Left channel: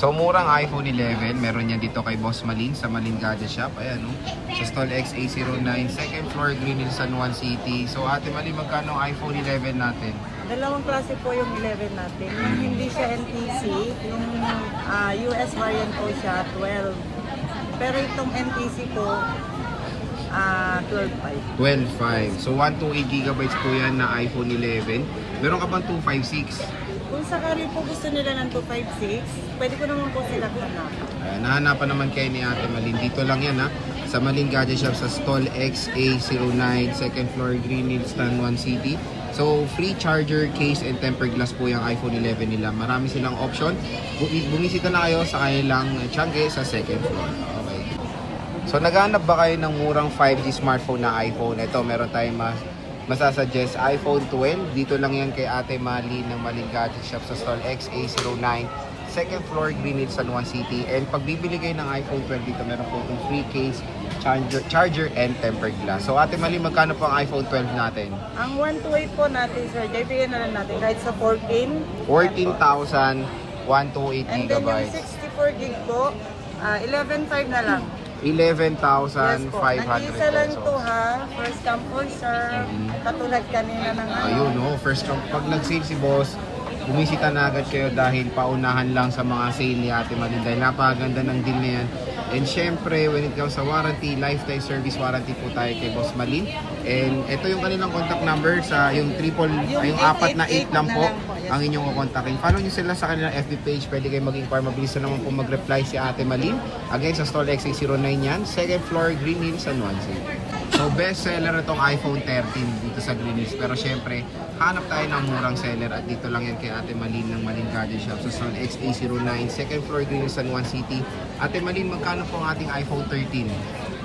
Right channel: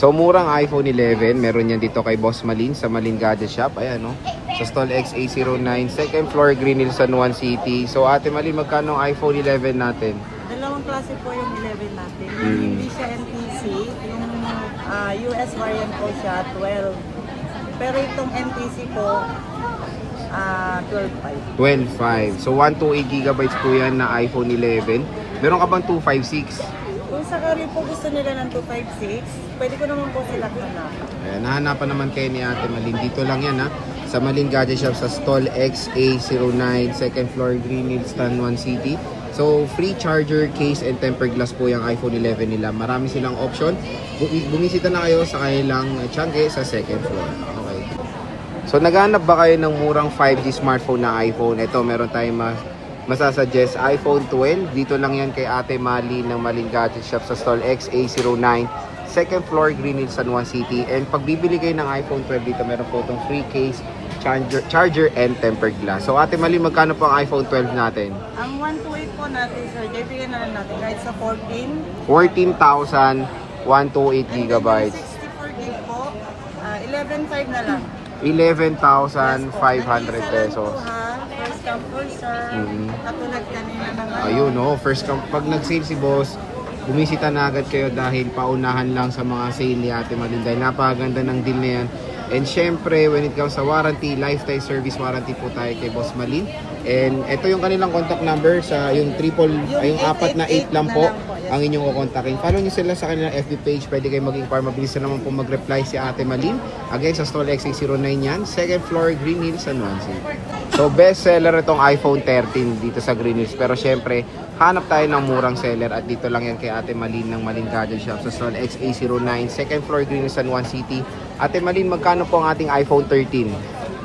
So murang iPhone 11, meron yan dito kay Boss Malin sa Malin Gadget Shop. Ayan no. Sa stall XA09, second floor, Green Hills, San Juan City. So Ate Malin, magkano ang iPhone 11 natin? Dalawang klase po yung 11 natin. Yung hindi siya NTC, yung US variant po siya, 12. Pero itong NTC po, 12.5. 12.5. So 128GB po yan na iPhone 11. Meron ka bang 256? Kung sakali po gusto nila ng 256, pwede ko naman po sila hanapan. Ayan, nahanapan naman kayo ni Ate Malin. Dito lang yan ha. Sa Malin Gadget Shop sa stall XA09, second floor, Green Hills, San Juan City. So, free charger, case, and tempered glass po yung iPhone 11 nila. Marami silang option. Bumisita na kayo sa kanilang Tiangge sa second floor. Okay. So, naghanap ba kayo ng murang 5G smartphone na iPhone? Ito, meron tayong masasuggest iPhone 12. Dito lang yan kay Ate Mali ng Malin Gadget Shop sa stall XA09, second floor, Green Hills, San Juan City. And pag bibili kayo ng iPhone 12 dito, meron po itong free case, charger, and tempered glass. So Ate Mali, magkano po ang iPhone 12 natin? Ang 128 po natin, sir, bigyan na lang natin kahit sa 14. 14,000, 128 And then yung gigabytes. 64 gig po, 11.5 na lang. 11,500 Nag-iisa lang to pesos. ha. First come, first serve. Katulad kanina ng Ayun no, first pag nag-sale si boss, bumisita na agad kayo dahil paunahan lang sa mga sale ni Ate Malin dahil napakaganda ng deal na yan. And syempre, when it comes sa warranty, lifetime service warranty po tayo kay Boss Malin. And ito yung kanilang contact number sa yung yung 4 na 8 lang po ang inyong kukontakin. Follow nyo sila sa kanilang FB page. Pwede kayo mag-inquire. Mabilis na naman po mag-reply si Ate Malin. Again, sa stall XA09 yan. Second floor, Green Hills, San Juan City. So, best seller itong iPhone 13 dito sa Green Hills. Pero syempre, hanap tayo ng murang seller at dito lang yan kay Ate Malin ng Malin Gadget Shop sa stall XA09, second floor, Green Hills, San Juan City. Ate Malin, magkano po ang ating iPhone 13?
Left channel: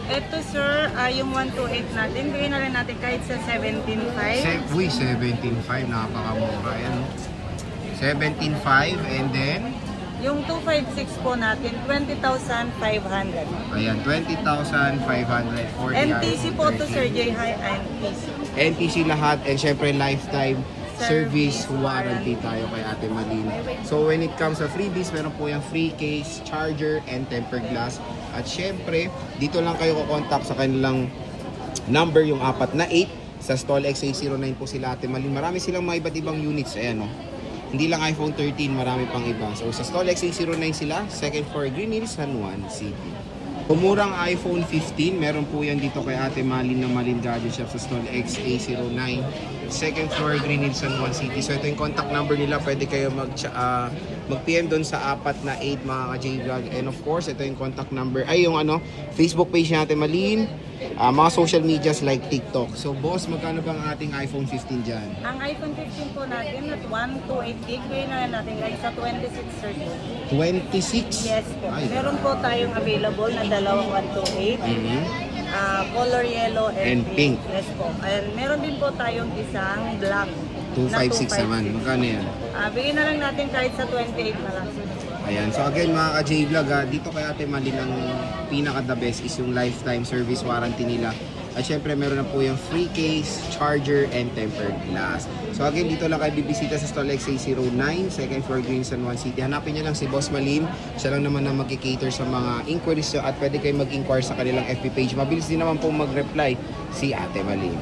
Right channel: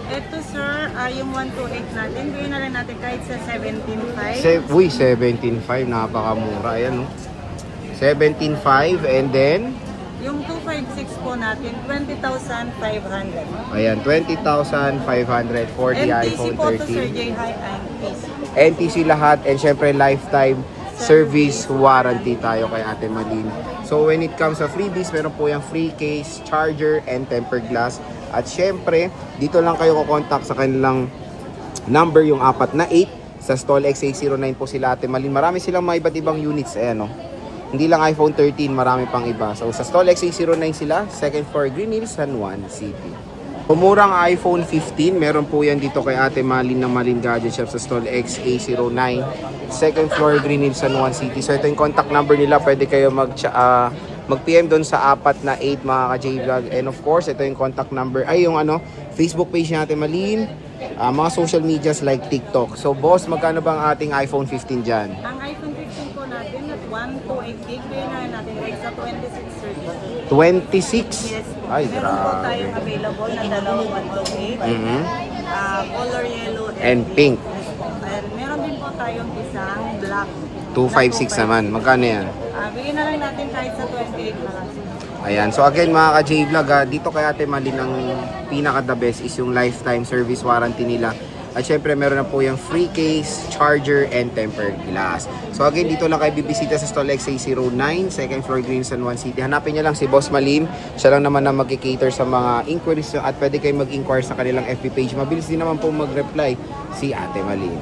Ito sir, yung 128 natin, bigyan na lang natin kahit sa 17.5. Uy, 17.5, napakamura. Ayan, no? 17.5 and then? Yung 256 po natin, 20,500. Ayan, 20,500 for the NTC iPhone po to Sir 13. J. High NTC. NTC lahat and syempre lifetime service warranty tayo kay Ate Malin. So when it comes sa freebies, meron po yung free case, charger, and tempered glass. At syempre, dito lang kayo kukontak sa kanilang number, yung 4 na 8 sa stall XA09 po sila Ate Malin. Marami silang mga iba't ibang units, ayan no. Hindi lang iPhone 13, marami pang iba. So sa stall XA09 sila, second floor, Green Hills, San Juan City. Pumurang iPhone 15, meron po yan dito kay Ate Malin ng Malin Gadget Shop sa stall XA09, second floor, Green Hills, San Juan City. So ito yung contact number nila, pwede kayo mag-PM doon sa 4 na 8 mga ka-J-Vlog. And of course, ito yung contact number, ay yung Facebook page ni Ate Malin, mga social medias like TikTok. So boss, magkano bang ating iPhone 15 dyan? Ang iPhone 15 po natin at 128 gig, bigyan na lang natin kahit sa 26 sir. 26? Yes po. Ay, Meron po grabe. tayong available na dalawang 128. Color yellow And pink. Yes po. And meron din po tayong isang black. 256 naman. Magkano yan? Bigyan na lang natin kahit sa 28 na lang. Ayan. So again mga ka-J-Vlog, dito kay Ate Malin ang pinaka-the best is yung lifetime service warranty nila. At syempre meron na po yung free case, charger, and tempered glass. So again, dito lang kayo bibisita sa stall XA09, second floor, Green San Juan City. Hanapin niyo lang si Boss Malin. Siya lang naman na mag-cater sa mga inquiries at pwede kayo mag-inquire sa kanilang FB page. Mabilis din naman po mag-reply si Ate Malin.